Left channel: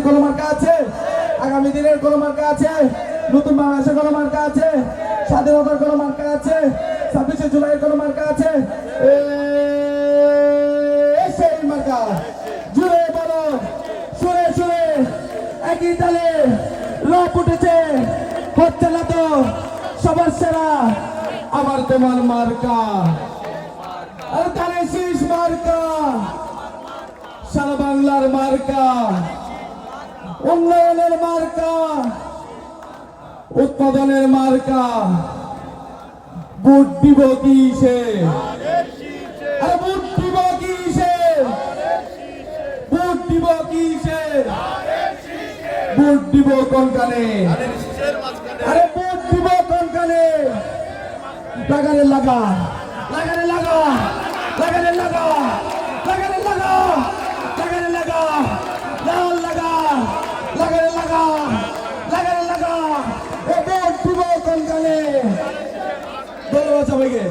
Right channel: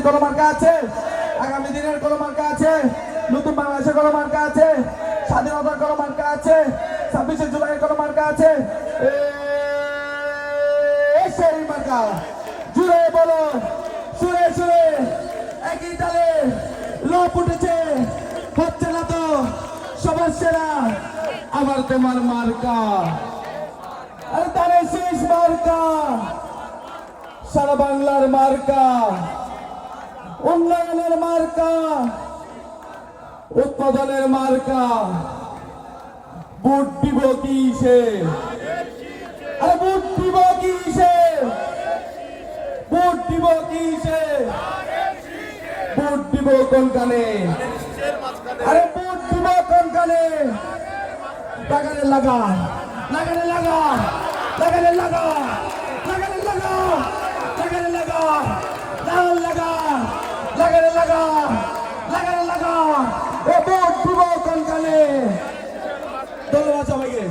জাতির কোনো মার্কা আছে। আগামী দিনের কোনো মার্কা আছে। নতুন বাংলাদেশের কোনো মার্কা আছে। স্বাধীনতার কোনো মার্কা আছে। ছাব্বিশে জুলাইয়ের কোনো মার্কা আছে সেই মার্কা। জুড়ে সুরে সুরে, একই তালে লোক উঠেছে। হচ্ছে না তো সবার সেরা, আবার তোমার মার্কা। আরে তারে শেষ মার্কা। সারা বাংলার মার্কা। উন্নয়নের মার্কা, উৎপাদনের মার্কা, বুট দিব কিসে আরে বুট দিব কিসে বুট দিব কিসে বুট দিব আরে বুট দিব কোন কানে? লাগা লাগানে লাগা লাগানে লাগা লাগানে লাগা লাগানে লাগা লাল লাগা লাগা লাগানে লাগা ও কোন ধন্যবাদ সবাইকে।